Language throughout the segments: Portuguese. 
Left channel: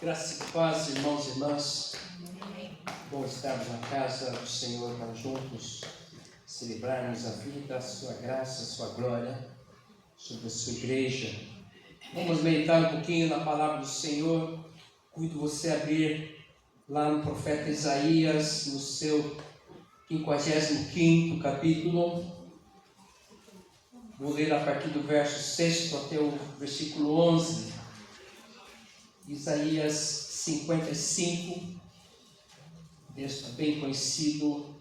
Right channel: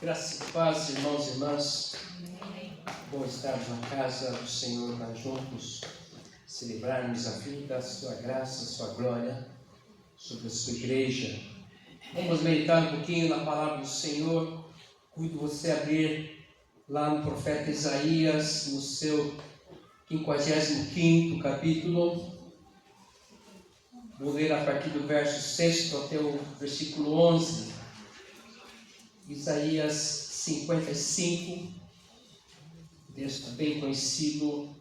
Graça e paz, irmãos e irmãs. Bom estarmos na casa do Senhor para juntos celebrarmos a vida, a sua graça, a sua glória sobre a sua igreja. Vamos meditar um pouquinho na palavra do Senhor. Cuido você abrir lá no profeta Isaías, no seu 55º capítulo. Vou ler a partir do verso 6 até o versículo 11. Isaías 55, texto bem conhecido,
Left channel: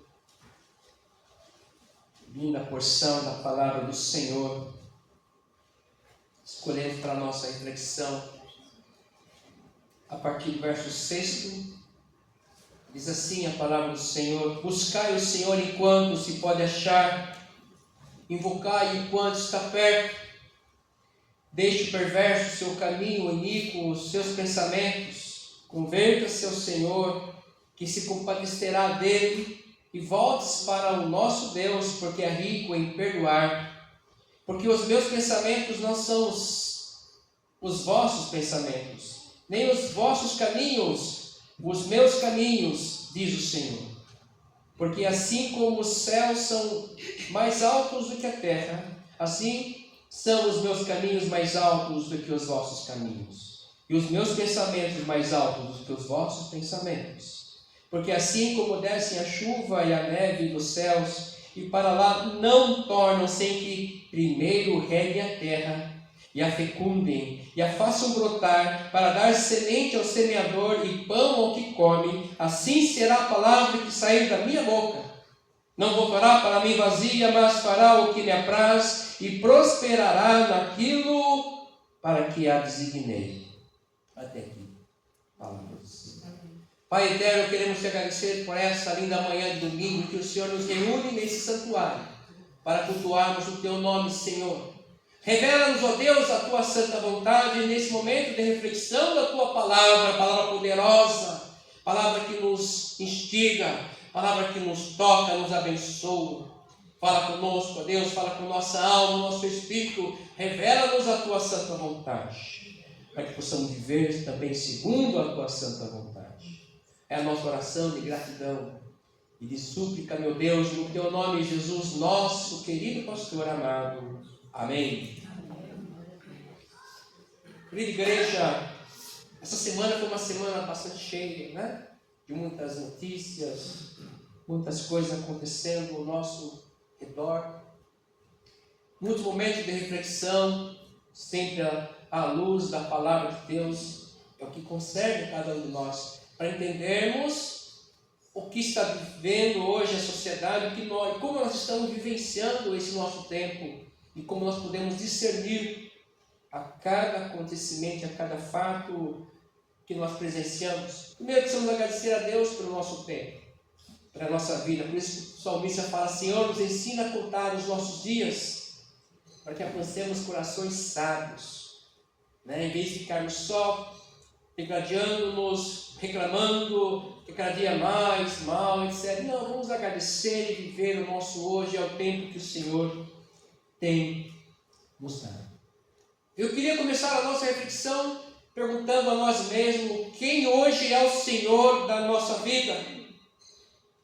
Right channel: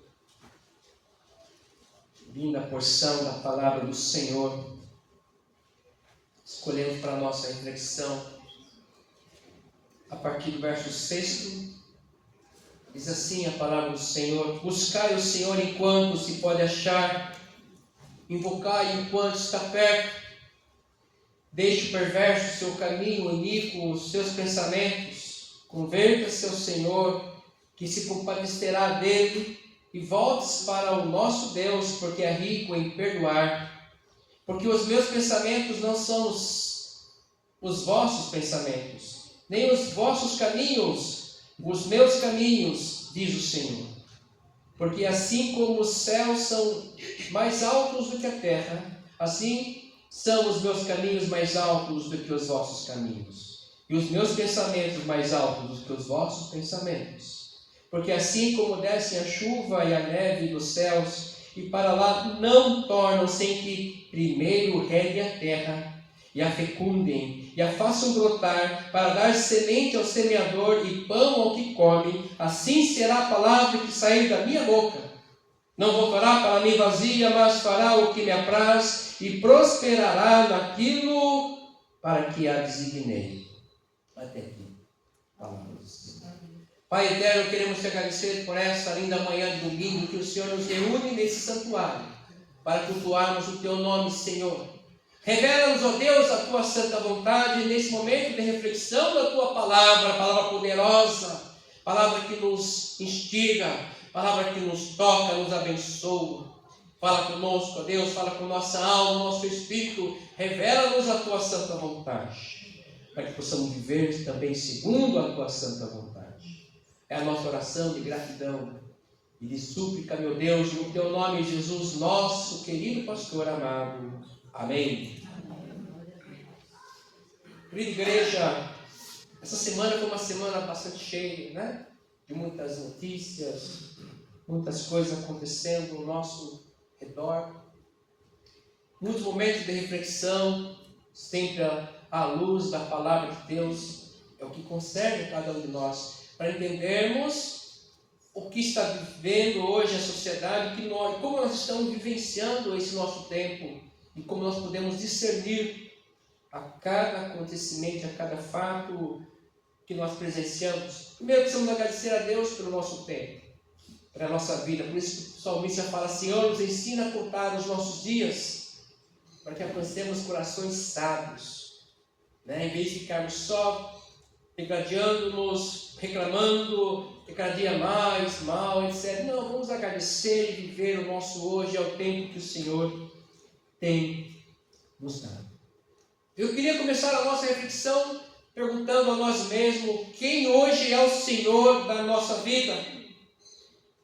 linda porção da palavra do Senhor. Escolhemos para a nossa reflexão a partir do verso 6. Diz assim a palavra do Senhor: buscai o Senhor enquanto se pode achar, invocai enquanto está perto. Deixe o perverso seu caminho, iníquo os seus pensamentos. Converta-se ao Senhor, que se compadecerá dele, e volte-se para o nosso Deus, porque é rico em perdoar. Porque os meus pensamentos não são os vossos pensamentos, nem os vossos caminhos, os meus caminhos, diz o Senhor. Porque assim como os céus são mais altos do que a terra, assim são os meus caminhos mais altos do que os vossos caminhos, e os meus pensamentos mais altos do que os vossos pensamentos. Porque assim como descem a chuva e a neve dos céus, e para lá não tornam sem que primeiro reguem a terra, e a fecundem, e a façam brotar, para dar semente ao semeador e pão ao que come, assim será a palavra que sair da minha boca. Não voltará para mim vazia, mas fará o que me apraz, e prosperará naquilo para que a designei. Até aqui. Palavra do Senhor. Pai eterno, queremos te agradecer por essa linda manhã de domingo que o Senhor nos reúne nesse santuário para cultuarmos o teu nome, Senhor. Revela-nos, ó Deus, a tua santa vontade nesse momento de reflexão da tua palavra, palavra poderosa, palavra que nos instiga, palavra que nos toca, nos abençoa. Fala conosco, ó Deus, fala com nossa alma, nosso espírito, revela-nos a tua santa vontade, para que possamos viver também segundo a tua santa vontade. É a nossa oração de gratidão e de súplica, meu Deus, no teu nome, Jesus, nosso querido pastor amado. Amém. Querida igreja, essa semana foi uma semana bastante cheia, né? De muitas notícias, muitas coisas acontecendo ao nosso redor, muitos momentos de reflexão, sempre à luz da palavra de Deus, é o que concerne cada um de nós, para entendermos o que está vivendo hoje a sociedade, como nós estamos vivenciando esse nosso tempo, e como nós podemos discernir a cada acontecimento, a cada fato que nós presenciamos. Primeiro precisamos agradecer a Deus pelo nosso tempo, para a nossa vida. Por isso que o salmista fala: Senhor, nos ensina a contar os nossos dias, para que alcancemos corações sábios, né? Em vez de ficarmos só degradando-nos, reclamando que cada dia mais, mal, etc. Não, vamos agradecer e viver o nosso hoje ao tempo que o Senhor tem nos dado. Eu queria começar a nossa reflexão perguntando a nós mesmos: quem hoje é o Senhor da nossa vida?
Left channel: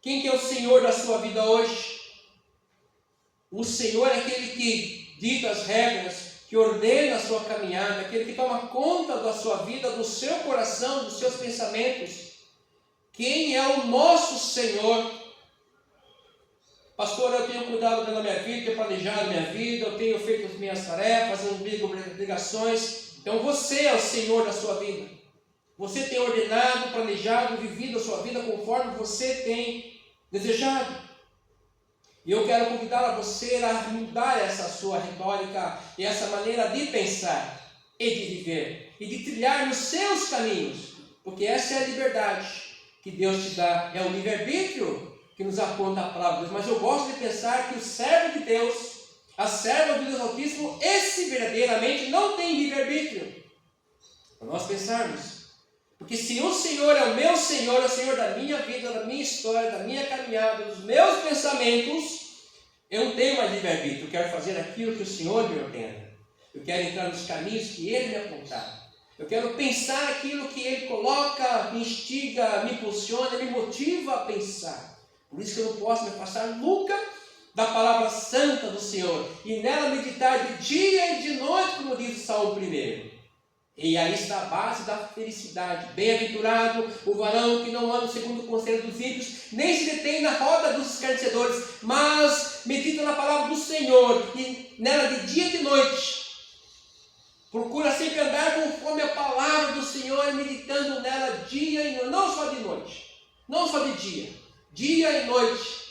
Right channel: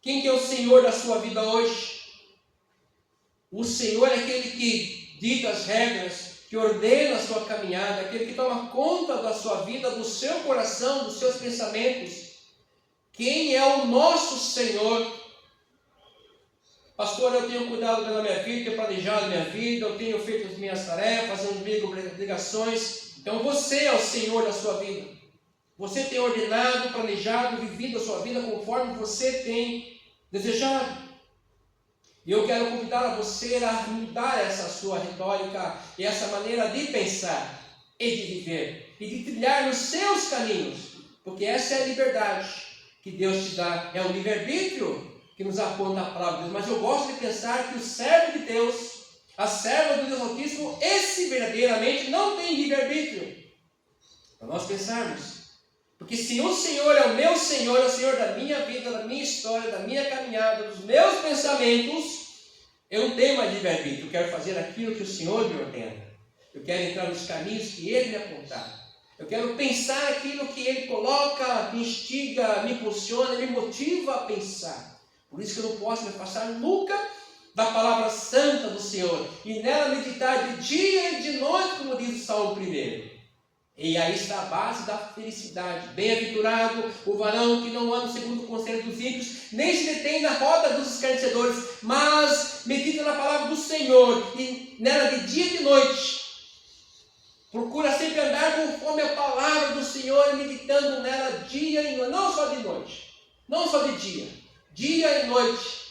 Quem que é o Senhor da sua vida hoje? O Senhor é aquele que dita as regras, que ordena a sua caminhada, aquele que toma conta da sua vida, do seu coração, dos seus pensamentos. Quem é o nosso Senhor? Pastor, eu tenho cuidado pela minha vida, tenho planejado a minha vida, eu tenho feito as minhas tarefas, as minhas obrigações. Então você é o Senhor da sua vida. Você tem ordenado, planejado, vivido a sua vida conforme você tem desejado. E eu quero convidar a você a mudar essa sua retórica e essa maneira de pensar e de viver e de trilhar nos seus caminhos, porque essa é a liberdade que Deus te dá, é o livre-arbítrio que nos aponta a palavra de Deus. Mas eu gosto de pensar que o servo de Deus, a serva do Deus Altíssimo, esse verdadeiramente não tem livre-arbítrio. Para nós pensarmos. Porque se o Senhor é o meu Senhor, é o Senhor da minha vida, da minha história, da minha caminhada, dos meus pensamentos, eu não tenho mais livre-arbítrio. Eu quero fazer aquilo que o Senhor me ordena. Eu quero entrar nos caminhos que Ele me apontar. Eu quero pensar aquilo que Ele coloca, me instiga, me impulsiona, me motiva a pensar. Por isso que eu não posso me afastar nunca da palavra santa do Senhor. E nela meditar de dia e de noite, como diz o Salmo 1. E aí está a base da felicidade. Bem-aventurado o varão que não anda segundo o conselho dos ímpios, nem se detém na roda dos escarnecedores, mas medita na palavra do Senhor, e nela de dia e de noite. Procura sempre andar conforme a palavra do Senhor, meditando nela dia e noite, não só de noite, não só de dia e noite.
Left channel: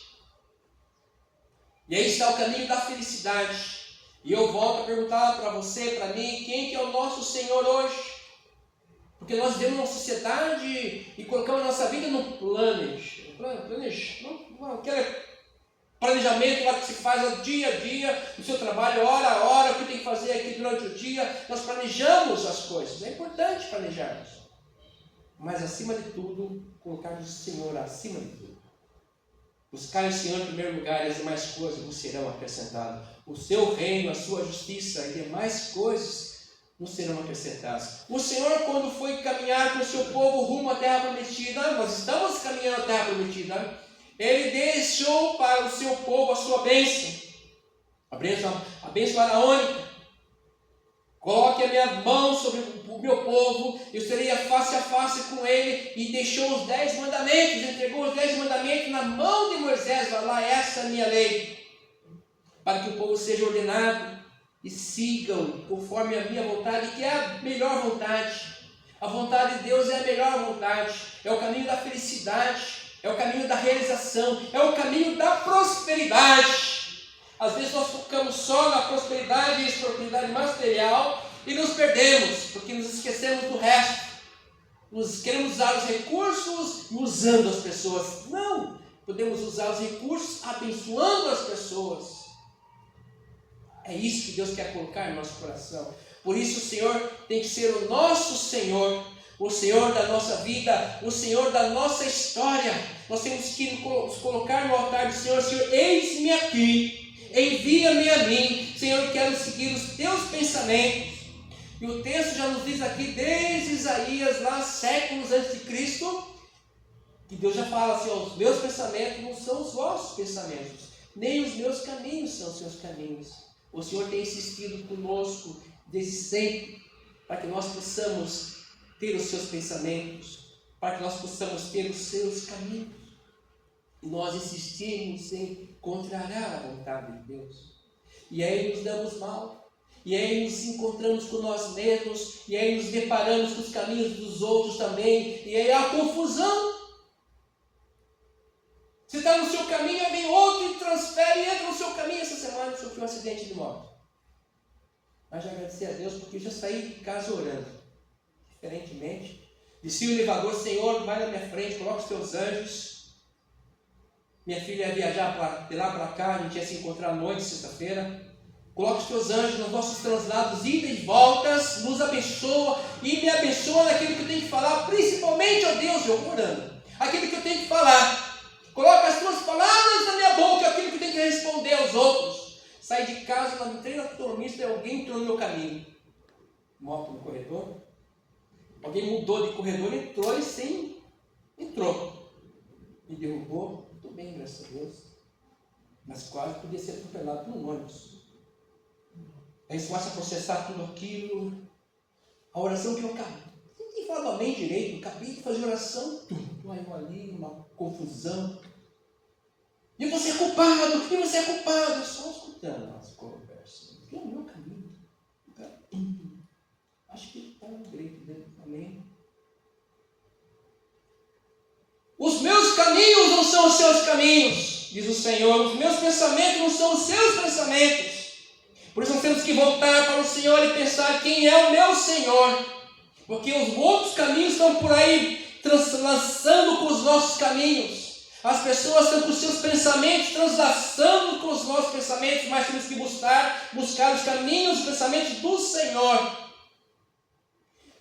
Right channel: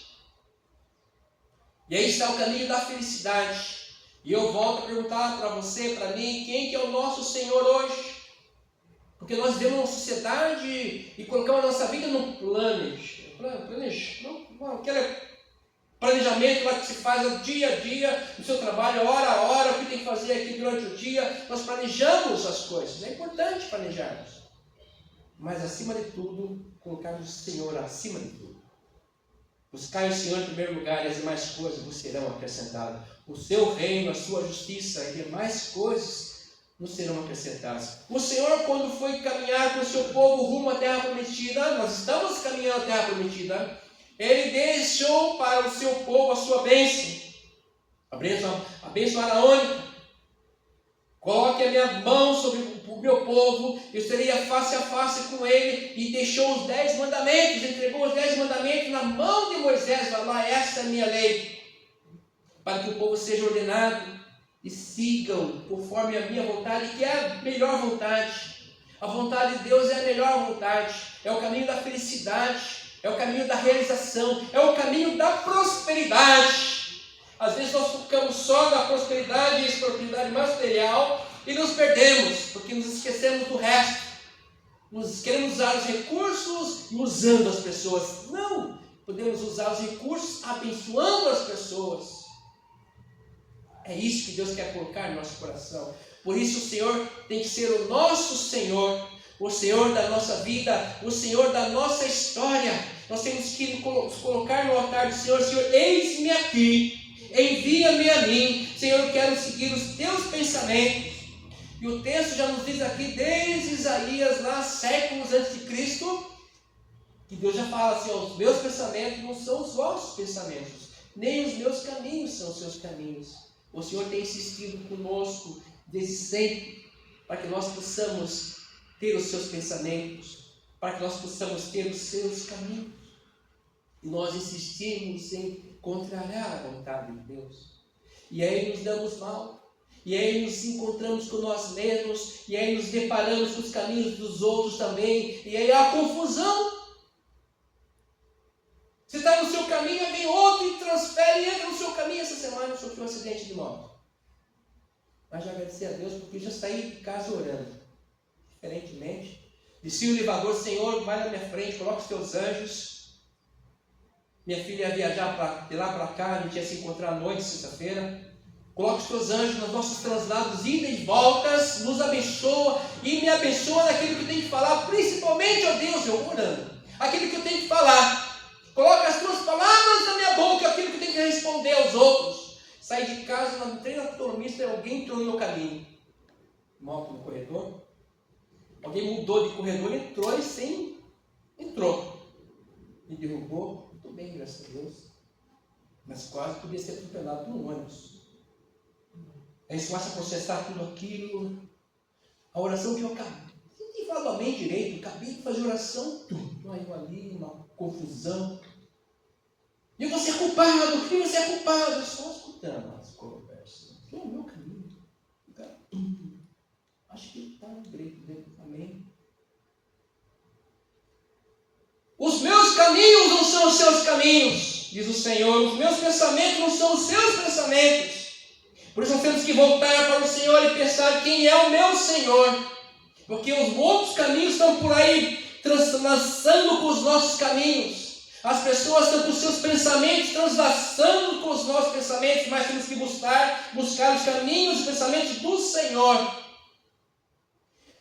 E aí está o caminho da felicidade. E eu volto a perguntar para você, para mim, quem que é o nosso Senhor hoje? Porque nós vivemos uma sociedade e colocamos a nossa vida no aquele planejamento lá que se faz dia a dia, no seu trabalho, hora a hora, o que tem que fazer aqui durante o dia. Nós planejamos as coisas, é importante planejarmos. Mas acima de tudo, colocarmos o Senhor acima de tudo. Buscar o Senhor em primeiro lugar, e as demais coisas vos serão acrescentadas. O seu reino, a sua justiça e demais coisas nos serão acrescentadas. O Senhor, quando foi caminhar com o seu povo rumo à terra prometida, nós estamos caminhando à terra prometida, Ele deixou para o seu povo a sua bênção, a bênção araônica. Coloque a minha mão sobre o meu povo, eu seria face a face com ele, e deixou os 10 mandamentos, entregou os 10 mandamentos na mão de Moisés. Vai lá, essa é a minha lei, para que o povo seja ordenado e sigam conforme a minha vontade, que é a melhor vontade. A vontade de Deus é a melhor vontade, é o caminho da felicidade, é o caminho da realização, é o caminho da prosperidade. Às vezes nós focamos só na prosperidade e prosperidade material e nos perdemos, porque nos esquecemos do resto. Nós queremos usar os recursos e usando as pessoas. Não! Podemos usar os recursos abençoando as pessoas. É isso que Deus quer colocar no nosso coração. Por isso o Senhor tem que ser o nosso Senhor, o Senhor da nossa vida, o Senhor da nossa história. Nós temos que nos colocar no altar do Senhor. Senhor, eis-me aqui. Envia-me a mim, Senhor, eu quero seguir os teus pensamentos. E o texto já nos diz aqui, desde Isaías, lá séculos antes de Cristo, que Deus já fala assim, os meus pensamentos não são os vossos pensamentos, nem os meus caminhos são os seus caminhos. O Senhor tem insistido conosco desde sempre, para que nós possamos ter os seus pensamentos, para que nós possamos ter os seus caminhos. E nós insistimos em contrariar a vontade de Deus. E aí nos damos mal. E aí nos encontramos com nós mesmos. E aí nos deparamos com os caminhos dos outros também. E aí há confusão. Você está no seu caminho, aí vem outro e transfere e entra no seu caminho. Essa semana eu sofri um acidente de moto. Mas já agradecer a Deus porque já saí de casa orando. Diferentemente. Desci o elevador, Senhor, vai na minha frente, coloca os teus anjos. Minha filha ia viajar de lá para cá, a gente ia se encontrar à noite, sexta-feira. Coloca os teus anjos nos nossos translados, ida e voltas, nos abençoa e me abençoa naquilo que eu tenho que falar, principalmente, ó Deus, eu orando, aquilo que eu tenho que falar. Coloca as tuas palavras na minha boca, aquilo que eu tenho que responder aos outros. Saí de casa, não entrei na autonomista e alguém entrou no meu caminho. Moto no corredor. Alguém mudou de corredor, entrou e sim, entrou. Me derrubou. Estou bem, graças a Deus, mas quase podia ser atropelado por um ônibus. Aí você começa a processar tudo aquilo, a oração que eu acabei, não tinha falado amém direito, acabei de fazer oração, tudo, aí eu ali, uma confusão, e você é culpado, eu só escutando as conversas, que é o meu caminho, acho que está no direito dele, amém. Os meus caminhos não são os seus caminhos, diz o Senhor. Os meus pensamentos não são os seus pensamentos. Por isso nós temos que voltar para o Senhor e pensar quem é o meu Senhor. Porque os outros caminhos estão por aí translaçando com os nossos caminhos. As pessoas estão com os seus pensamentos translaçando com os nossos pensamentos, mas temos que buscar os caminhos, os pensamentos do Senhor.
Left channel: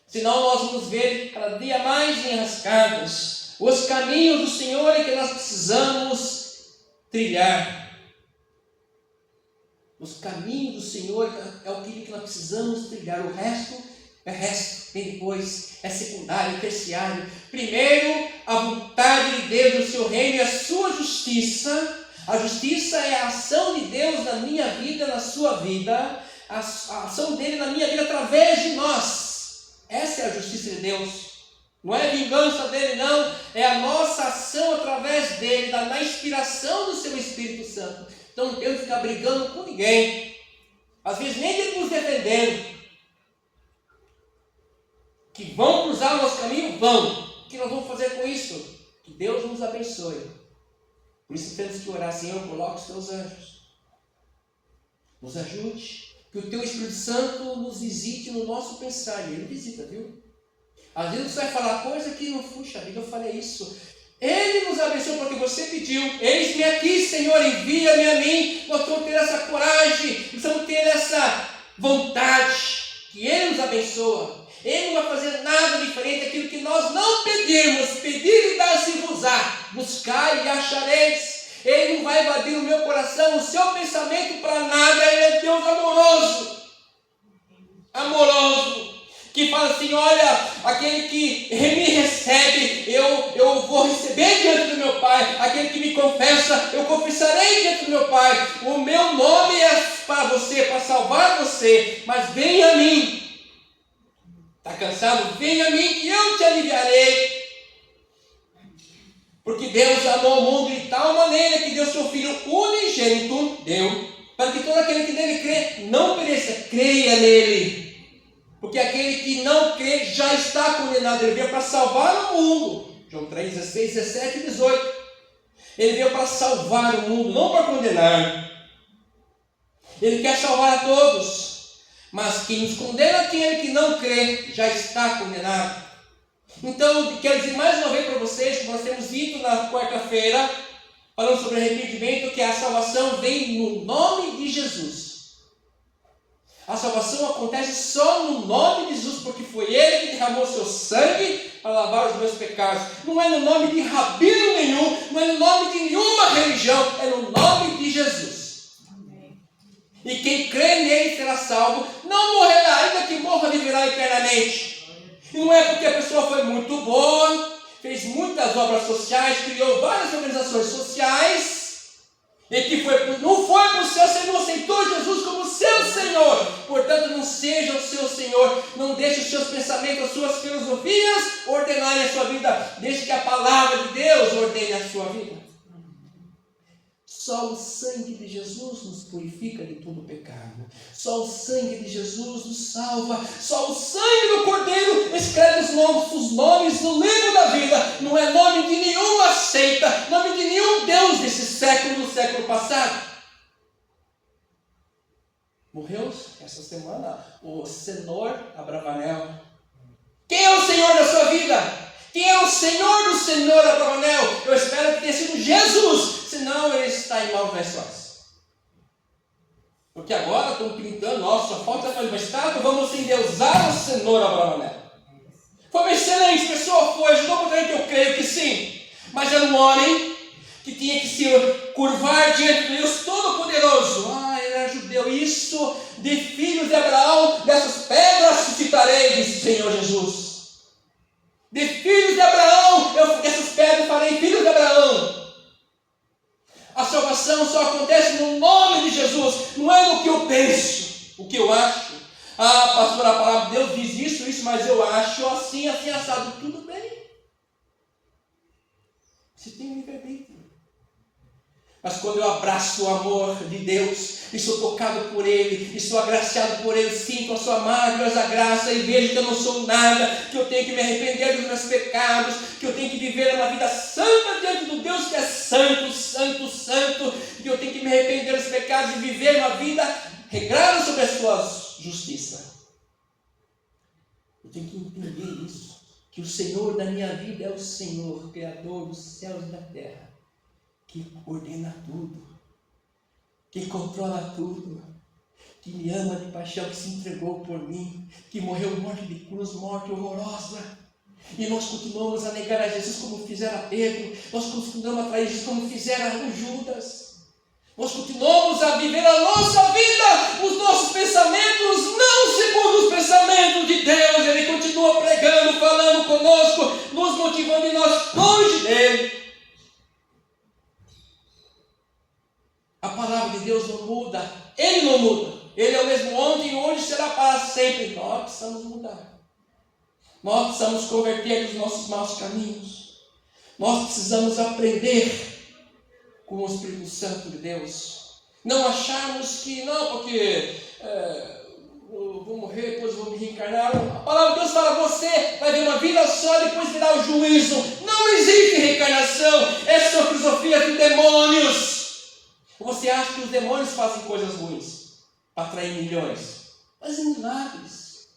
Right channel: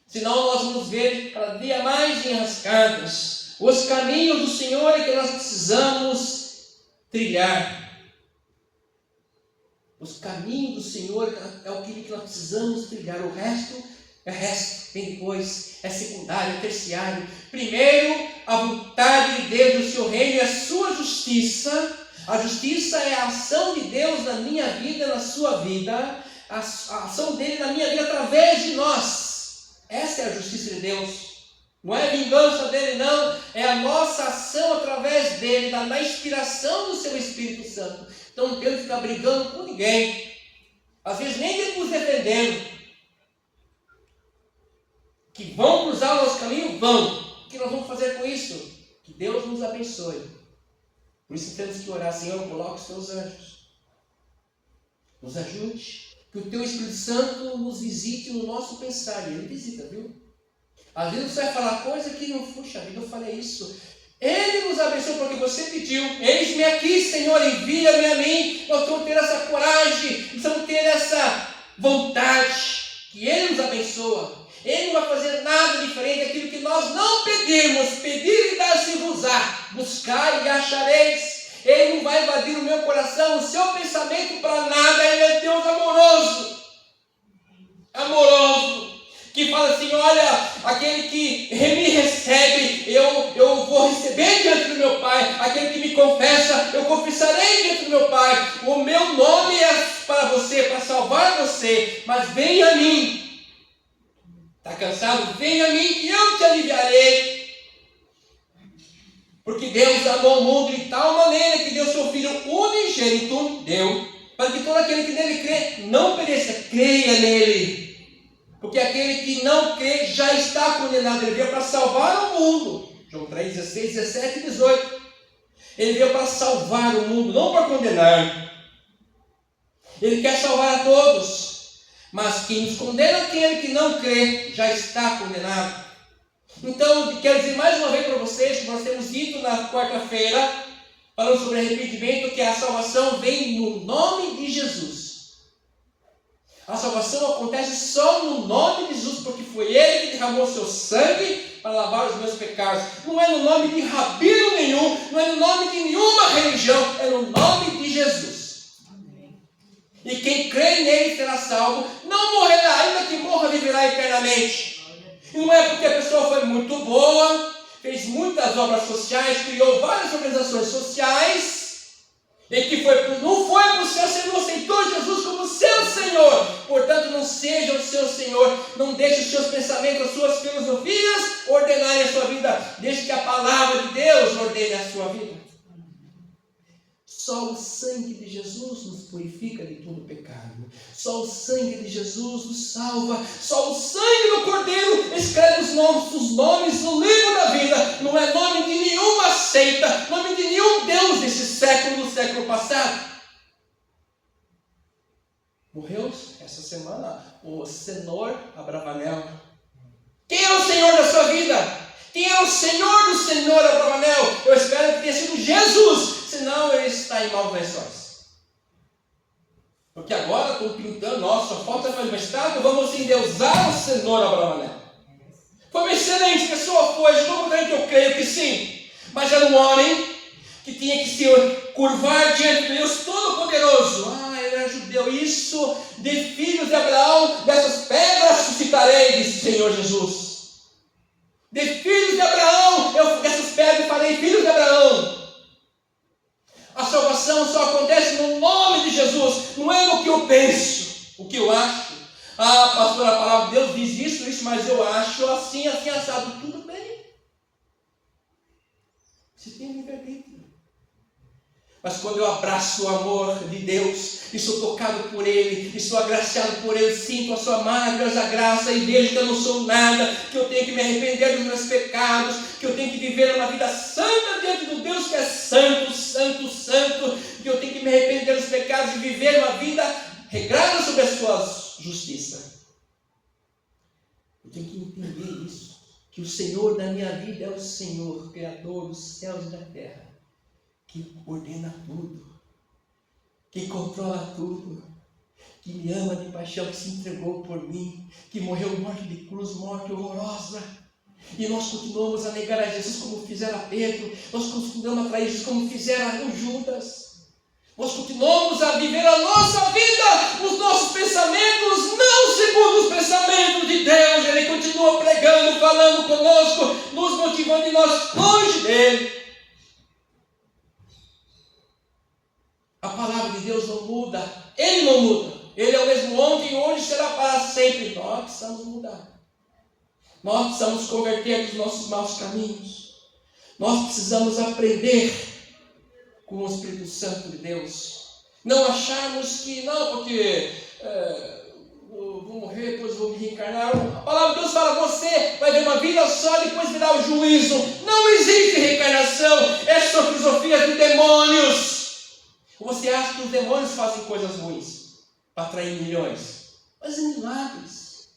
Senão nós vamos ver cada dia mais enrascados. Os caminhos do Senhor é que nós precisamos trilhar. Os caminhos do Senhor é aquilo que nós precisamos trilhar. O resto É resto, vem depois, é secundário, é terciário. Primeiro, a vontade de Deus, o seu reino e a sua justiça. A justiça é a ação de Deus na minha vida, na sua vida. A ação dele na minha vida através de nós. Essa é a justiça de Deus. Não é vingança dele, não. É a nossa ação através dele, na inspiração do seu Espírito Santo. Então não temos que ficar brigando com ninguém. Às vezes nem nos defendendo. Que vão cruzar o nosso caminho? Vão. O que nós vamos fazer com isso? Que Deus nos abençoe. Por isso temos que orar, Senhor, coloque os teus anjos. Nos ajude. Que o teu Espírito Santo nos visite no nosso pensar. E ele visita, viu? Às vezes você vai falar coisa que não, puxa vida, eu falei isso. Ele nos abençoou porque você pediu. Eis-me aqui, Senhor, envia-me a mim. Nós vamos ter essa coragem, precisamos ter essa vontade. Que Ele nos abençoa. Ele não vai fazer nada diferente daquilo que nós não pedimos. Pedir e dar-se-vos-á. Buscai e achareis. Ele não vai invadir o meu coração, o seu pensamento para nada. Ele é Deus amoroso. Amoroso. Que fala assim, olha, aquele que me recebe, eu vou receber diante do meu Pai. Aquele que me confessa, eu confessarei diante do meu Pai. O meu nome é para você, para salvar você. Mas venha a mim. Está cansado? Venha a mim que eu te aliviarei. Porque Deus amou o mundo de tal maneira que deu seu Filho unigênito, deu, para que todo aquele que nele crê não pereça, creia nele. Porque aquele que não crê já está condenado. Ele veio para salvar o mundo. João 3, 16, 17 e 18. Ele veio para salvar o mundo, não para condenar. Ele quer salvar a todos. Mas quem nos condena, aquele que não crê, já está condenado. Então, quero dizer mais uma vez para vocês, que nós temos dito na quarta-feira, falando sobre arrependimento, que a salvação vem no nome de Jesus. A salvação acontece só no nome de Jesus, porque foi Ele que derramou seu sangue para lavar os meus pecados. Não é no nome de rabino nenhum, não é no nome de nenhuma religião, é no nome de Jesus. E quem crê nele será salvo, não morrerá, ainda que morra, viverá eternamente. E não é porque a pessoa foi muito boa, fez muitas obras sociais, criou várias organizações sociais, e que não foi para o céu, você não aceitou Jesus como seu Senhor. Portanto, não seja o seu Senhor, não deixe os seus pensamentos, as suas filosofias ordenarem a sua vida. Deixe que a palavra de Deus ordene a sua vida. Só o sangue de Jesus nos purifica de todo pecado. Só o sangue de Jesus nos salva. Só o sangue do Cordeiro escreve os nomes no livro da vida. Não é nome de nenhuma seita, nome de nenhum Deus desse século e do século passado. Morreu essa semana o Senhor Abravanel. Quem é o Senhor da sua vida? Quem é o Senhor do Senhor Abravanel? Eu espero que tenha sido Jesus, senão ele está em maus lençóis. Porque agora estão pintando, nossa, só falta fazer uma estátua, vamos endeusar o Senhor Abravanel. Foi uma excelente pessoa, foi, ajudou muita gente, eu creio que sim. Mas era um homem que tinha que se curvar diante de Deus Todo-Poderoso. Ele era judeu, isso, de filhos de Abraão, dessas pedras suscitarei, disse o Senhor Jesus. De filhos de Abraão, dessas pedras farei filhos de Abraão. A salvação só acontece no nome de Jesus, não é no que eu penso, o que eu acho. Pastor, a palavra de Deus diz isso, mas eu acho assim, assado. Tudo bem. Você tem um livre-arbítrio. Mas quando eu abraço o amor de Deus, e sou tocado por Ele, e sou agraciado por Ele, sinto a sua maravilhosa graça e vejo que eu não sou nada, que eu tenho que me arrepender dos meus pecados, que eu tenho que viver uma vida santa diante do Deus que é santo, santo, santo, que eu tenho que me arrepender dos pecados e viver uma vida regrada sobre a sua justiça. Eu tenho que entender isso, que o Senhor da minha vida é o Senhor, Criador dos céus e da terra, que ordena tudo, que controla tudo, que me ama de paixão, que se entregou por mim, que morreu morte de cruz, morte horrorosa. E nós continuamos a negar a Jesus como fizeram a Pedro, nós continuamos a trair Jesus como fizeram o Judas. Nós continuamos a viver a nossa vida, os nossos pensamentos, não segundo os pensamentos de Deus motivando em nós longe dele. A palavra de Deus não muda, ele não muda. Ele é o mesmo ontem, hoje, será para sempre. Nós precisamos mudar. Nós precisamos converter dos nossos maus caminhos. Nós precisamos aprender com o Espírito Santo de Deus. Não acharmos que, não, porque eu vou morrer, depois vou me reencarnar. A palavra de Deus fala, você vai ver uma vida só, depois virá o juízo. Não existe reencarnação. Essas são filosofias de demônios. Você acha que os demônios fazem coisas ruins para atrair milhões? Fazem milagres.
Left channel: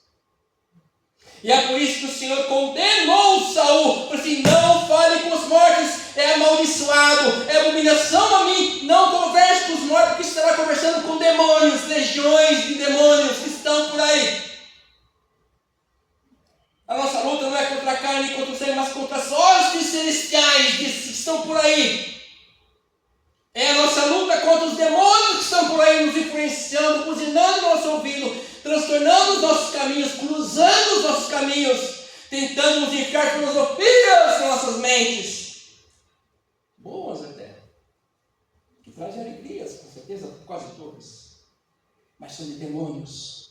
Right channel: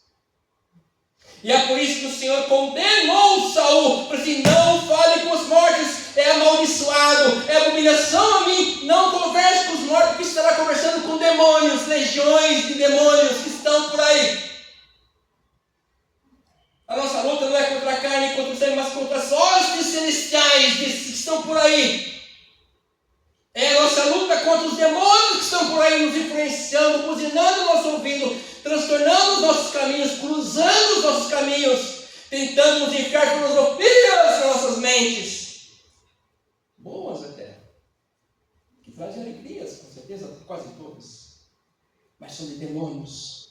E é por isso que o Senhor condenou Saul. Falou assim, não fale com os mortos, é amaldiçoado, é abominação a mim. Não converse com os mortos, porque estará conversando com demônios, legiões de demônios que estão por aí. A nossa luta não é contra a carne e contra o sangue, mas contra as hostes celestiais que estão por aí. É a nossa luta contra os demônios que estão por aí nos influenciando, buzinando o nosso ouvido, transtornando os nossos caminhos, cruzando os nossos caminhos, tentando nos enfiar filosofias nas nossas mentes. Boas até, que trazem alegrias, com certeza, quase todas, mas são de demônios.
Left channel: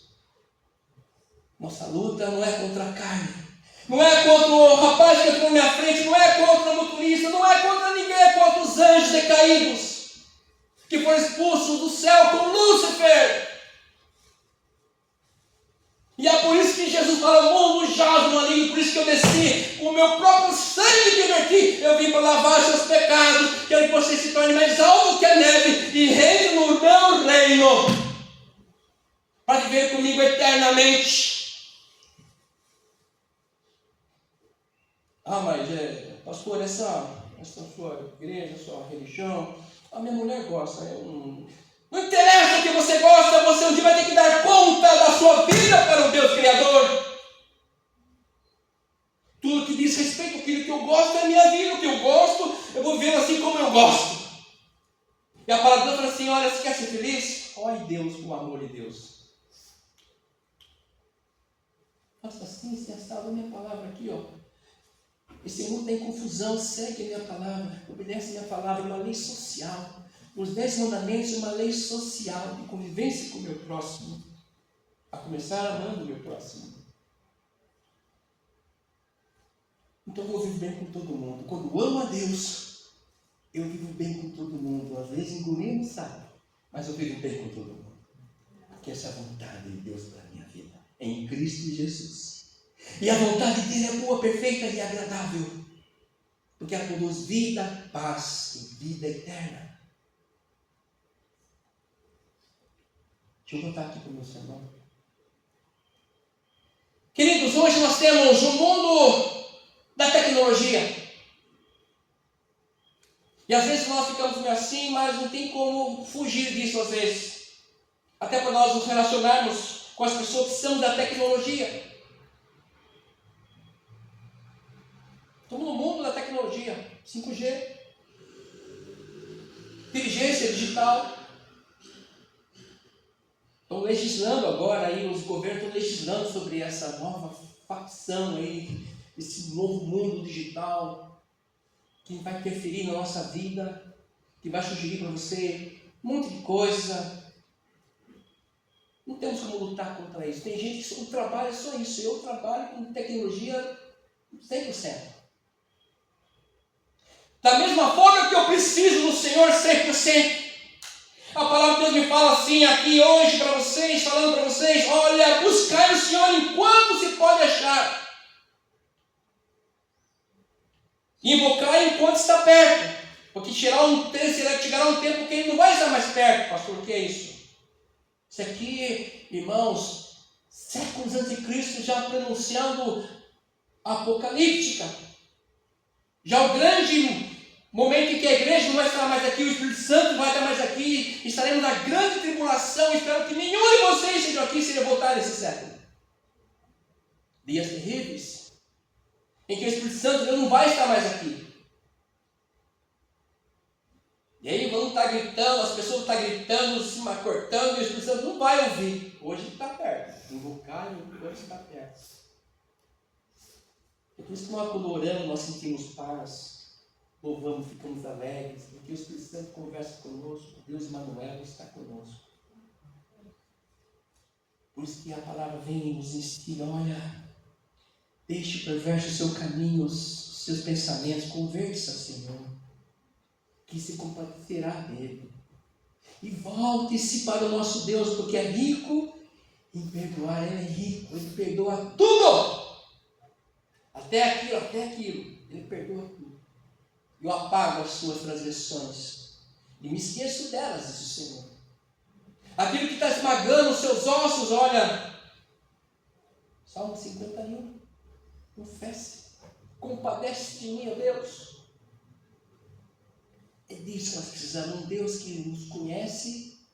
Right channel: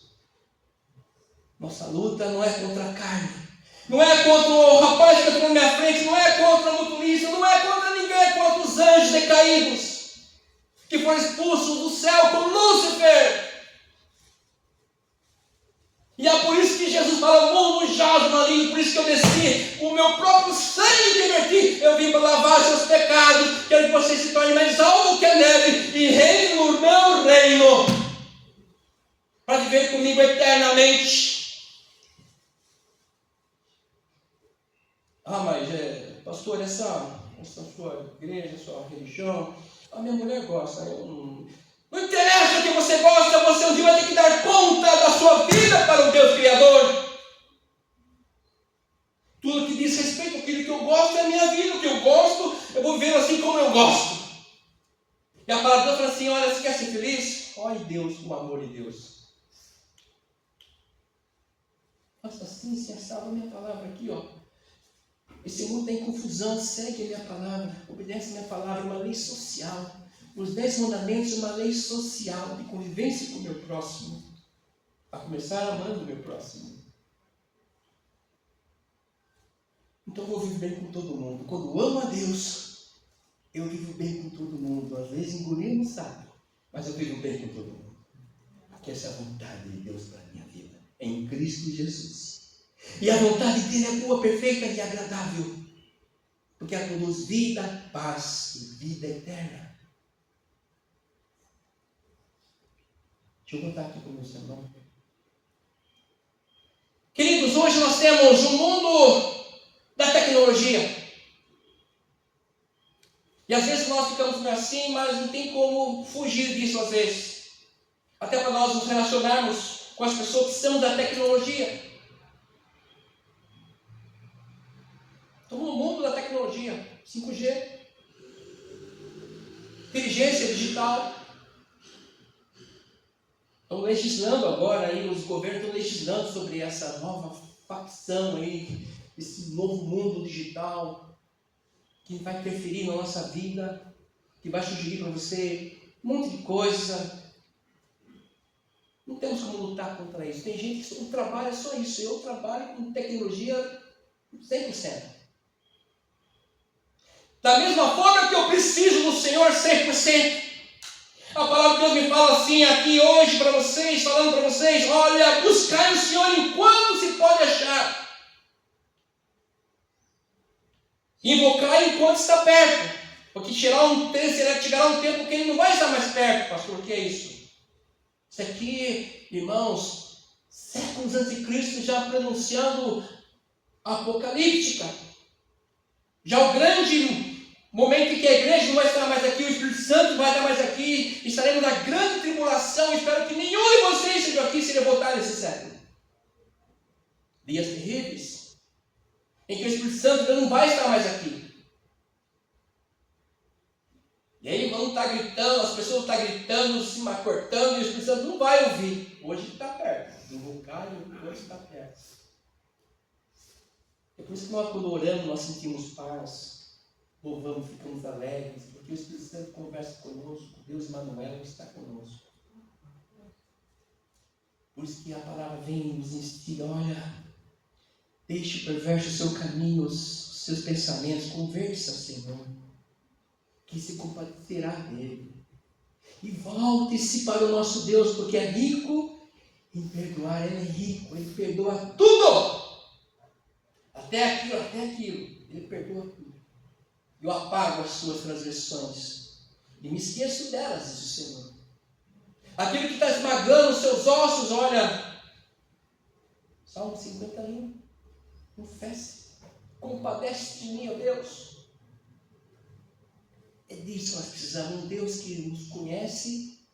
Nossa luta não é contra a carne, não é contra o rapaz que entrou na minha frente, não é contra o motorista, não é contra ninguém, é contra os anjos decaídos, que foram expulsos do céu com Lúcifer. E é por isso que Jesus fala, o mundo jaz no maligno, por isso que eu desci, com o meu próprio sangue que verti, eu vim para lavar seus pecados, quero que você se torne mais alto que a neve, e reine no meu reino, para viver comigo eternamente. Ah, mas pastor, essa sua igreja, sua religião, a minha mulher gosta, não interessa o que você gosta, você um dia vai ter que dar conta da sua vida para o Deus Criador. Tudo que diz respeito àquilo que eu gosto é a minha vida, o que eu gosto, eu vou viver assim como eu gosto. E a palavra de Deus fala assim, olha, você quer ser feliz? Ore Deus com o amor de Deus. Faça assim, se assava a minha palavra aqui, ó. Esse mundo tem confusão, segue a minha palavra, obedece a minha palavra, uma lei social. Os 10 mandamentos, uma lei social de convivência com o meu próximo. A começar amando o meu próximo. Então eu vou viver bem com todo mundo. Quando eu amo a Deus, eu vivo bem com todo mundo. Às vezes engolindo o sapo, mas eu vivo bem com todo mundo. Porque essa é a vontade de Deus para a minha vida. É em Cristo Jesus. E a vontade dele é boa, perfeita e agradável. Porque ela produz vida, paz e vida eterna. Deixa eu voltar aqui para o meu sermão. Queridos, hoje nós temos o mundo da tecnologia. E às vezes nós ficamos meio assim, mas não tem como fugir disso às vezes. Até para nós nos relacionarmos com as pessoas que são da tecnologia. Estamos no mundo da tecnologia, 5G, inteligência digital. Estão legislando agora, aí, os governos estão legislando sobre essa nova facção aí, esse novo mundo digital, que vai interferir na nossa vida, que vai sugerir para você um monte de coisa. Não temos como lutar contra isso. Tem gente que o trabalho é só isso. Eu trabalho com tecnologia 100%. Da mesma forma que eu preciso do Senhor 100%. A palavra de Deus me fala assim aqui hoje para vocês, falando para vocês, olha, buscar o Senhor enquanto se pode achar. Invocar enquanto está perto. Porque chegará um tempo que ele não vai estar mais perto, pastor. O que é isso? Isso aqui, irmãos, séculos antes de Cristo já pronunciando apocalíptica. Já o grande momento em que a igreja não vai estar mais aqui, o Espírito Santo vai estar mais aqui, estaremos na grande tribulação. Espero que nenhum de vocês seja aqui se voltar nesse século. Dias terríveis, em que o Espírito Santo não vai estar mais aqui. E aí vão estar gritando, as pessoas estão gritando, se cortando, e o Espírito Santo não vai ouvir. Hoje ele está perto. Invocar e hoje está perto. Por isso que nós, quando oramos, nós sentimos paz, louvamos, ficamos alegres, porque o Espírito Santo conversa conosco, Deus Emmanuel está conosco. Por isso que a palavra vem e nos instiga, olha, deixe o perverso o seu caminho, os seus pensamentos, converse ao Senhor, que se compadecerá dele. E volte-se para o nosso Deus, porque é rico em perdoar, ele é rico, ele perdoa tudo. Até aquilo, ele perdoa tudo. Eu apago as suas transgressões e me esqueço delas, diz o Senhor. Aquilo que está esmagando os seus ossos, olha, Salmo 51, confesse, compadece de mim, ó Deus. É disso que nós precisamos, um Deus que nos conhece,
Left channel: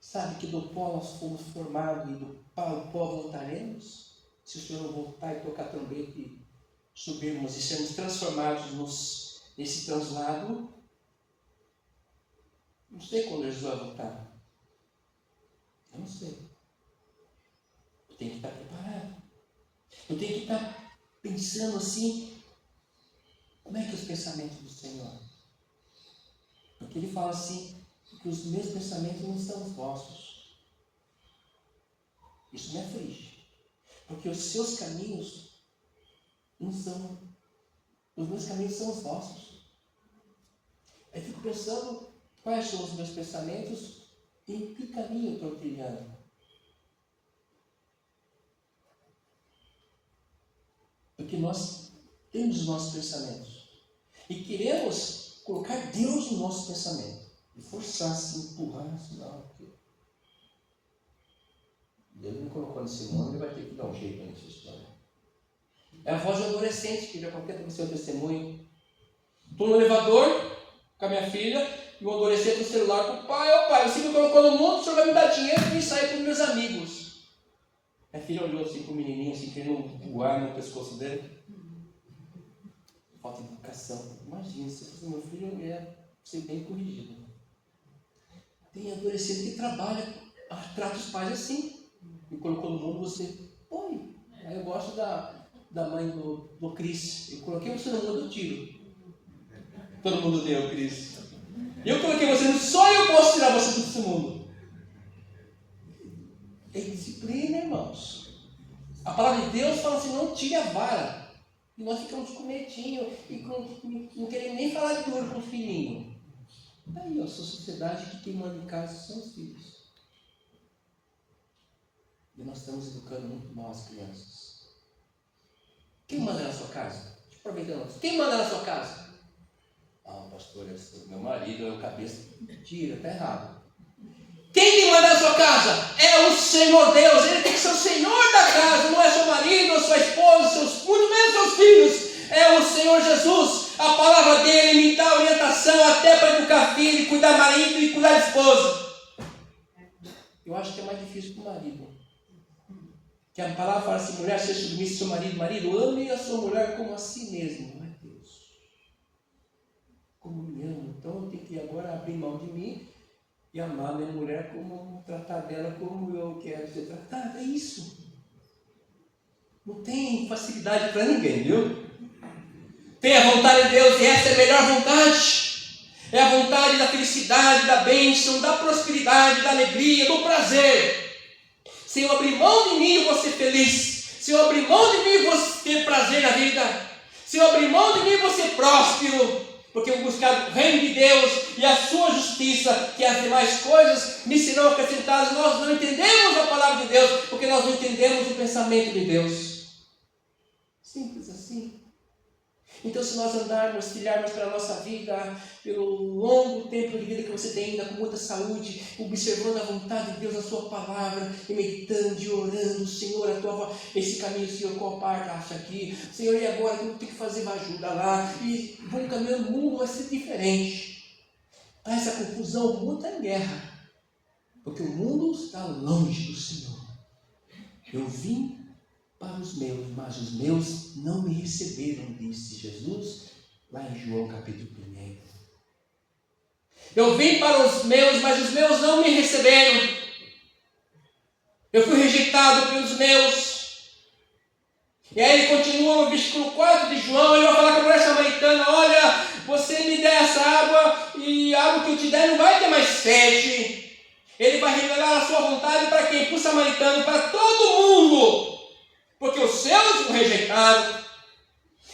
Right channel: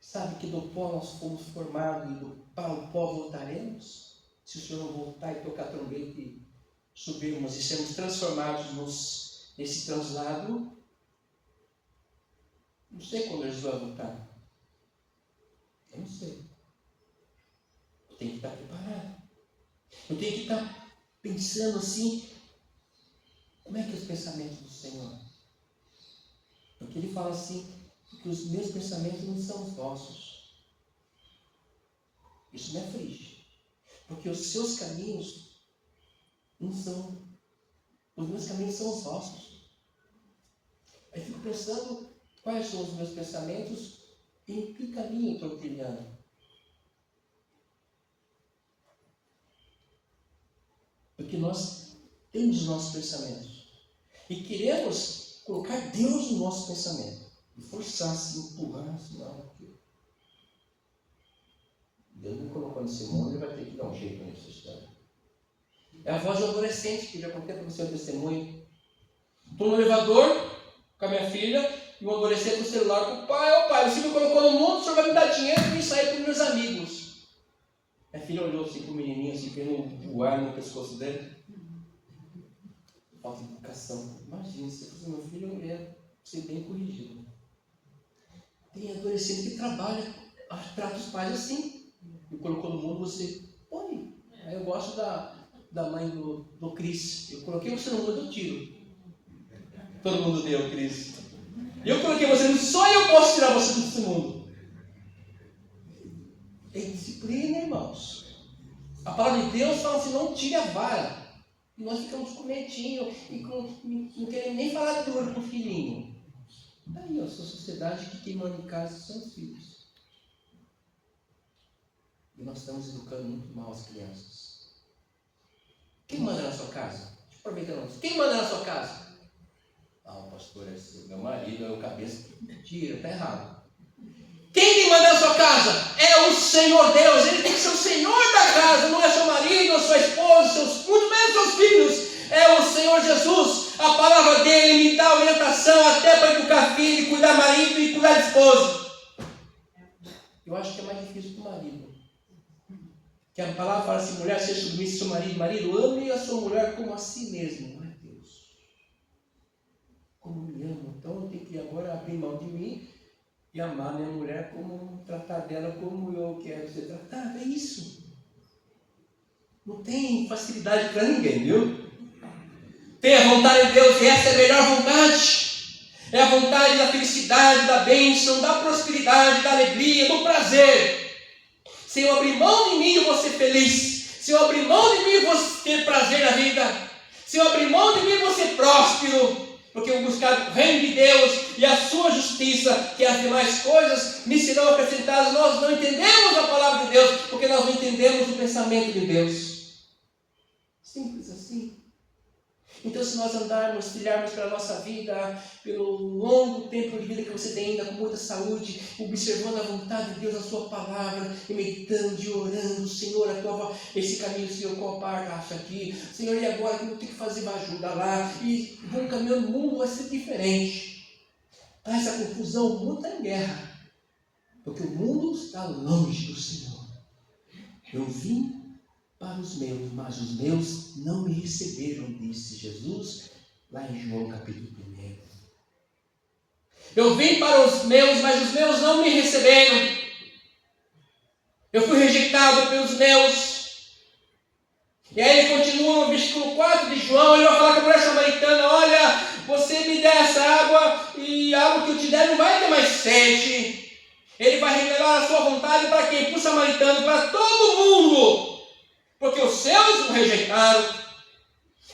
sabe que do pó nós fomos formados e do pó voltaremos. Se o Senhor não voltar e tocar a trombeta e subirmos e sermos transformados nesse translado, não sei quando Jesus vai voltar. Eu não sei. Eu tenho que estar preparado. Eu tenho que estar pensando assim, como é que é os pensamentos do Senhor? Porque ele fala assim, que os meus pensamentos não são os vossos. Isso me aflige. Porque os seus caminhos não são, os meus caminhos são os vossos. Aí fico pensando, quais são os meus pensamentos e em que caminho eu estou trilhando. Porque nós temos os nossos pensamentos. E queremos colocar Deus no nosso pensamento. E forçar, se empurrar, não. Deus não me colocou nesse mundo, ele vai ter que dar um jeito nessa história. É a voz do adolescente, que já contei para você o testemunho. Estou no elevador com a minha filha, e o adolescente no celular com o pai, ô pai, você me colocou no mundo, o senhor vai me dar dinheiro para eu sair com os meus amigos. Minha filha olhou assim para o menininho, assim, querendo voar no pescoço dele. Falta de educação. Imagina, se fosse meu filho, eu ia ser bem corrigido. Tem adolescente que trabalha, trata os pais assim. Me colocou no mundo, você põe. Aí eu gosto da mãe do Cris. Eu coloquei você no mundo, eu tiro. Todo mundo deu, Cris. Eu coloquei você no mundo, só eu posso tirar você desse mundo. É disciplina, irmãos. A palavra de Deus fala assim, não tire a vara. E nós ficamos com medinho e não queremos nem falar duro com o filhinho. Aí, a sua sociedade, que quem manda em casa são os filhos. E nós estamos educando muito mal as crianças. Quem manda na sua casa? Deixa eu aproveitar. Quem manda na sua casa? O pastor é meu marido, é o cabeça. Mentira, está errado. Quem manda na sua casa? É o Senhor Deus. Ele tem que ser o Senhor da casa. Não é seu marido, ou sua esposa, muito menos seus filhos. É o Senhor Jesus. A palavra dele me dá orientação até para educar filho, cuidar marido e cuidar de esposa. Eu acho que é mais difícil para o marido. Que a palavra fala assim, mulher, seja submissa ao seu marido. Marido, ame a sua mulher como a si mesmo. Não é Deus. Como me amo. Então eu tenho que agora abrir mão de mim e amar minha mulher, como tratar dela como eu quero ser tratado. É isso. Não tem facilidade para ninguém, viu? Tem a vontade de Deus e essa é a melhor vontade. É a vontade da felicidade, da bênção, da prosperidade, da alegria, do prazer. Se eu abrir mão de mim, eu vou ser feliz. Se eu abrir mão de mim, eu vou ter prazer na vida. Se eu abrir mão de mim, eu vou ser próspero. Porque eu vou buscar o reino de Deus e a sua justiça, que as demais coisas me serão acrescentadas. Nós não entendemos a palavra de Deus, porque nós não entendemos o pensamento de Deus. Simples assim. Então, se nós andarmos, trilharmos pela nossa vida, pelo longo tempo de vida que você tem ainda, com muita saúde, observando a vontade de Deus, a sua palavra, e meditando e orando, Senhor, esse caminho, Senhor, qual parte acha aqui? Senhor, e agora o que eu tenho que fazer? Vai ajudar lá. E vamos caminhando, o mundo vai ser diferente. Tá essa confusão, o mundo está em guerra. Porque o mundo está longe do Senhor. Eu vim para os meus, mas os meus não me receberam, disse Jesus, lá em João capítulo 1. Eu vim para os meus, mas os meus não me receberam. Eu fui rejeitado pelos meus. E aí ele continua no versículo 4 de João, ele vai falar com a mulher samaritana: olha, você me der essa água, e a água que eu te der não vai ter mais sede. Ele vai revelar a sua vontade para quem? Para o samaritano, para todo mundo. Porque os seus o rejeitaram.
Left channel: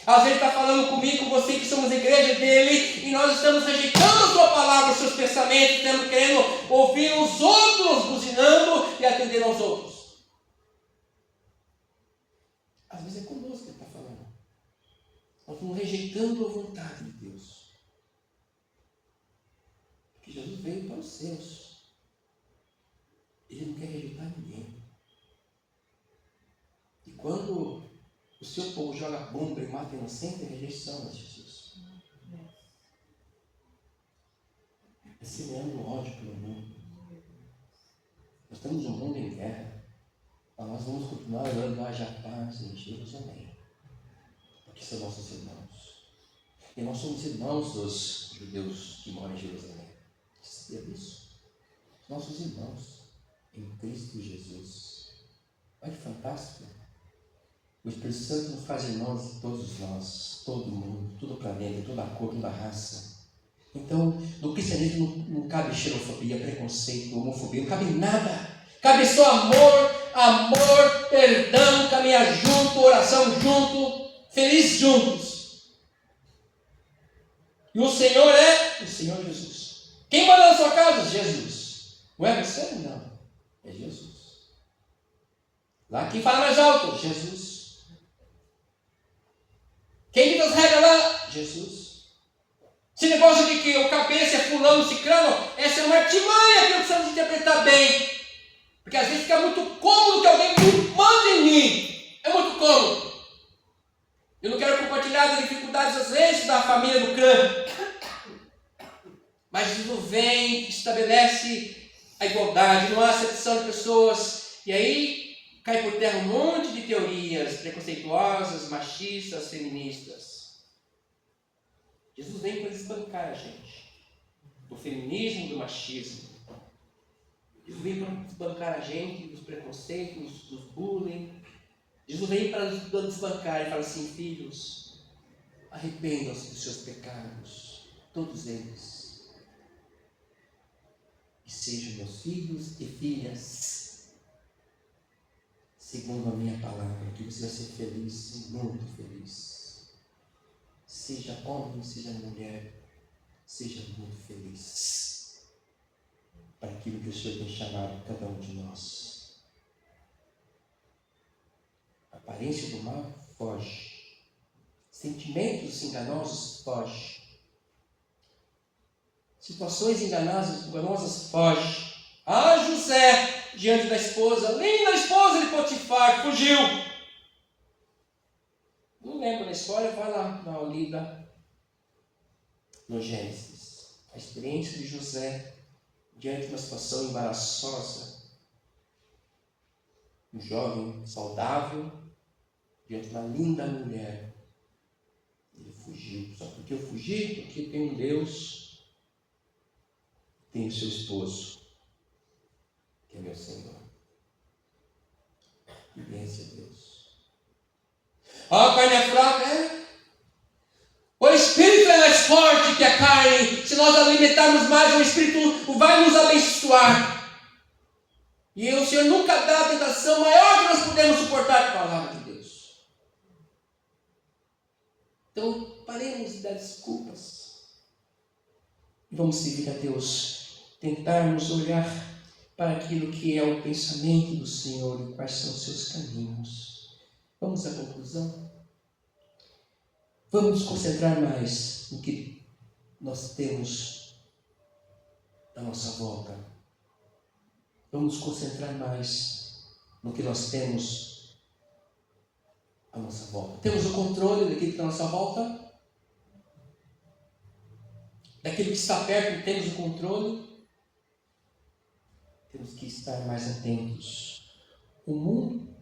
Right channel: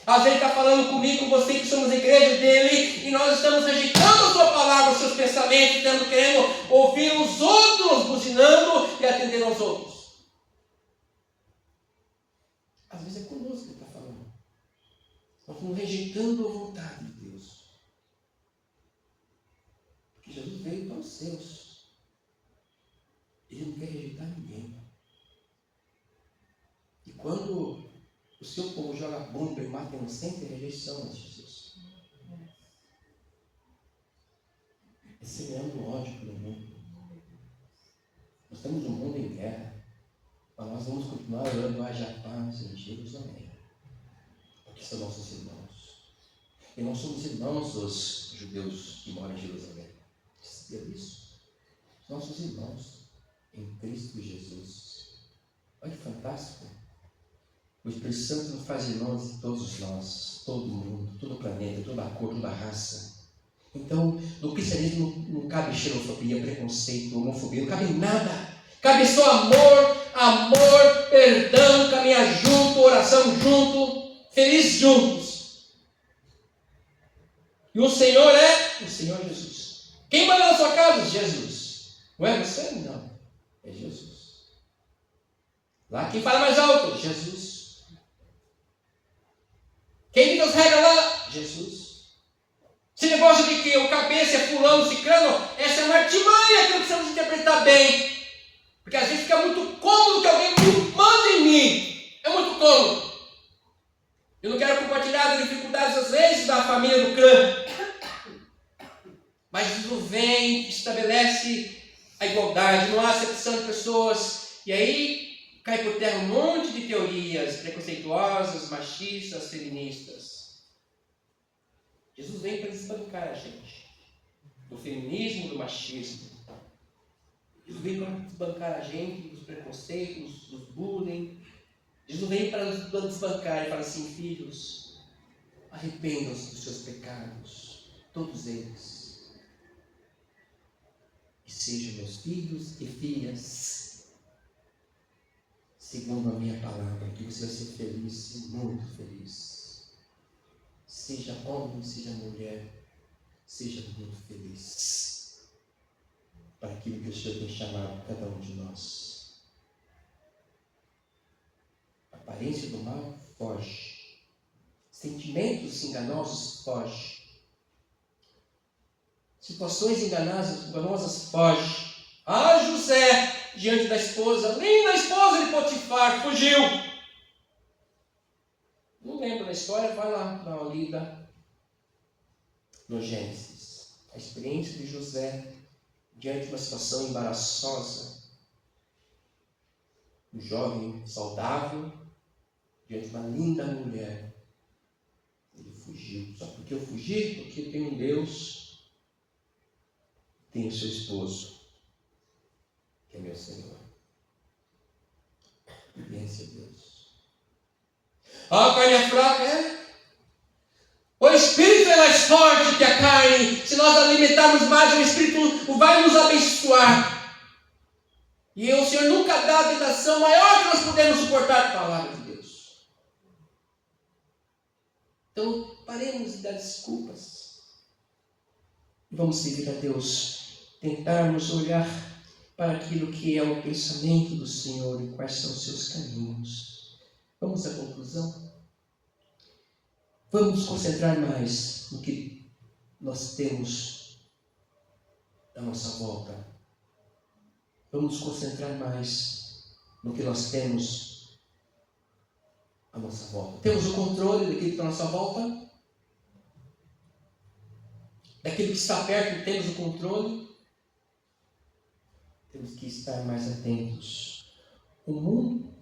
Às vezes está falando comigo, com você, que somos igreja dele, e nós estamos rejeitando a sua palavra, os seus pensamentos, estamos querendo ouvir os outros, buzinando e atender aos outros. Às vezes é conosco que ele está falando. Nós estamos rejeitando a vontade de Deus. Porque Jesus veio para os seus. Ele não quer rejeitar ninguém. E quando o seu povo joga bomba e mata inocente, é rejeição de Jesus. É semeando ódio pelo mundo. Nós temos um mundo em guerra. Mas nós vamos continuar orando, haja paz em Jerusalém. Porque são nossos irmãos. E nós somos irmãos dos judeus que moram em Jerusalém. Você sabia disso? Nossos irmãos em Cristo Jesus. Olha que fantástico. O Espírito Santo nos faz irmãos de todos nós, todo mundo, todo o planeta, toda a cor, toda a raça. Então, no cristianismo não cabe xenofobia, preconceito, homofobia, não cabe nada. Cabe só amor, perdão, caminhar junto, oração junto, feliz juntos. E o Senhor é o Senhor Jesus. Quem manda na sua casa? Jesus. Não é você? Não. É Jesus. Lá quem fala mais alto? Jesus. Quem diz as regras lá? Jesus. Esse negócio de que o cabeça é fulano, ciclano, essa é uma artimanha que nós precisamos interpretar bem. Porque às vezes fica muito cômodo que alguém manda em mim. É muito cômodo. Eu não quero compartilhar as dificuldades às vezes da família do clã. Mas Jesus vem, estabelece a igualdade, não há acepção de pessoas. E aí cai por terra um monte de teorias preconceituosas, machistas, feministas. Jesus vem para desbancar a gente do feminismo, do machismo. Jesus vem para desbancar a gente dos preconceitos, dos bullying. Jesus vem para desbancar e fala assim: filhos, arrependam-se dos seus pecados, todos eles, e sejam meus filhos e filhas, segundo a minha palavra, que você vai ser feliz, muito feliz. Seja homem, seja mulher, seja muito feliz para aquilo que o Senhor tem chamado cada um de nós. A aparência do mal foge. Sentimentos enganosos foge. Situações enganosas foge. Ah, José, diante da esposa, linda esposa de Potifar, fugiu. Não lembro da história, vai lá, dá uma lida no Gênesis. A experiência de José diante de uma situação embaraçosa. Um jovem saudável, diante de uma linda mulher. Ele fugiu. Só porque eu fugi? Porque tem um Deus, tem o seu esposo, que é meu Senhor. Obediência a Deus. A carne é fraca, é? O Espírito é mais forte que a carne. Se nós alimentarmos mais, o Espírito vai nos abençoar. E o Senhor nunca dá a tentação maior que nós podemos suportar a palavra de Deus. Então, paremos de dar desculpas. E vamos servir a Deus. Tentarmos olhar para aquilo que é o pensamento do Senhor e quais são os seus caminhos. Vamos à conclusão? Vamos nos concentrar mais no que nós temos à nossa volta. Vamos nos concentrar mais no que nós temos à nossa volta. Temos o controle daquilo que está à nossa volta? Daquilo que está perto, temos o controle? Temos que estar mais atentos. O mundo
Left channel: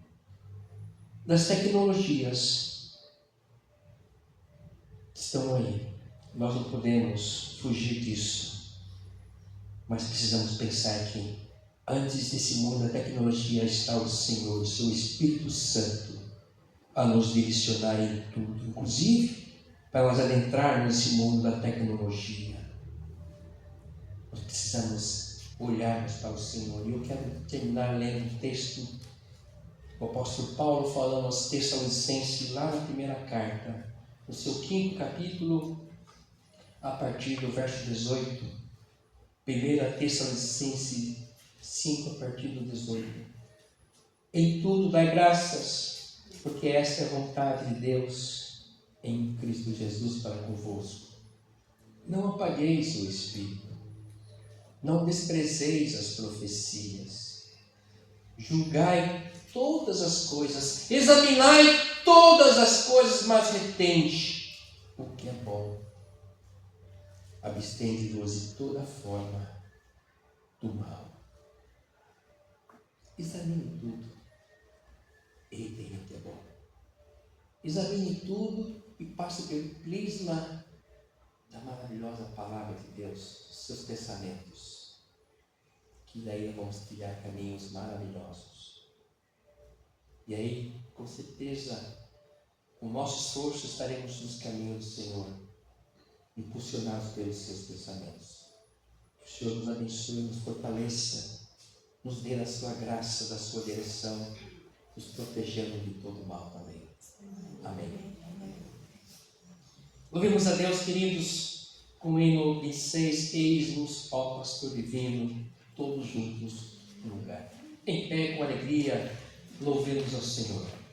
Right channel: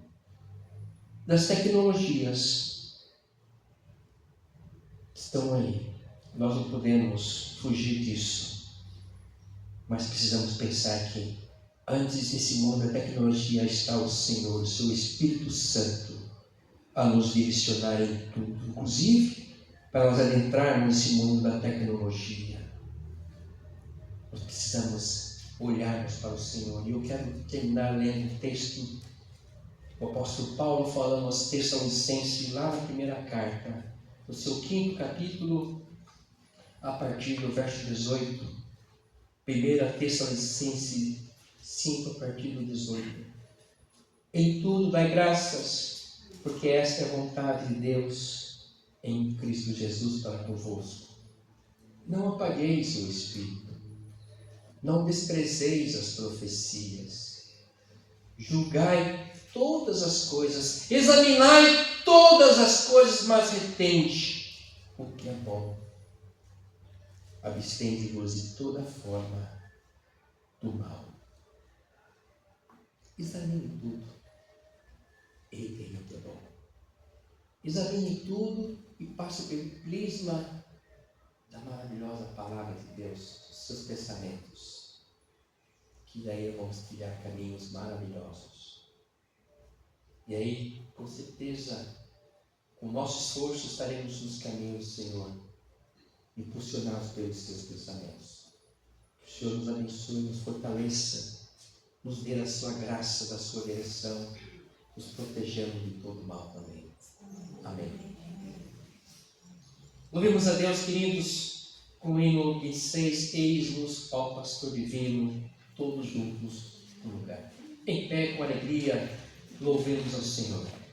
das tecnologias estão aí. Nós não podemos fugir disso. Mas precisamos pensar que antes desse mundo da tecnologia está o Senhor, o seu Espírito Santo, a nos direcionar em tudo, inclusive para nós adentrarmos nesse mundo da tecnologia. Nós precisamos olharmos para o Senhor. E eu quero terminar lendo um texto do apóstolo Paulo falando aos Tessalonicenses, lá na primeira carta, no seu 5º capítulo, a partir do verso 18. 1 Tessalonicenses 5, a partir do 18. Em tudo dai graças, porque esta é a vontade de Deus em Cristo Jesus para convosco. Não apagueis o Espírito, não desprezeis as profecias, julgai todas as coisas, examinai todas as coisas, mas retende o que é bom. Abstende-vos de toda forma do mal. Examine tudo e tenha o que é bom. Examine tudo e passe pelo prisma da maravilhosa palavra de Deus, dos seus pensamentos, que daí vamos trilhar caminhos maravilhosos. E aí, com certeza, com o nosso esforço estaremos nos caminhos do Senhor, impulsionados pelos seus pensamentos. Que o Senhor nos abençoe, nos fortaleça, nos dê a sua graça, da sua direção, nos protegendo de todo mal também. Amém. Louvemos a Deus, queridos, com o hino 26, eis-nos, ó pastor divino, todos juntos no lugar. Em pé, com alegria, louvemos ao Senhor.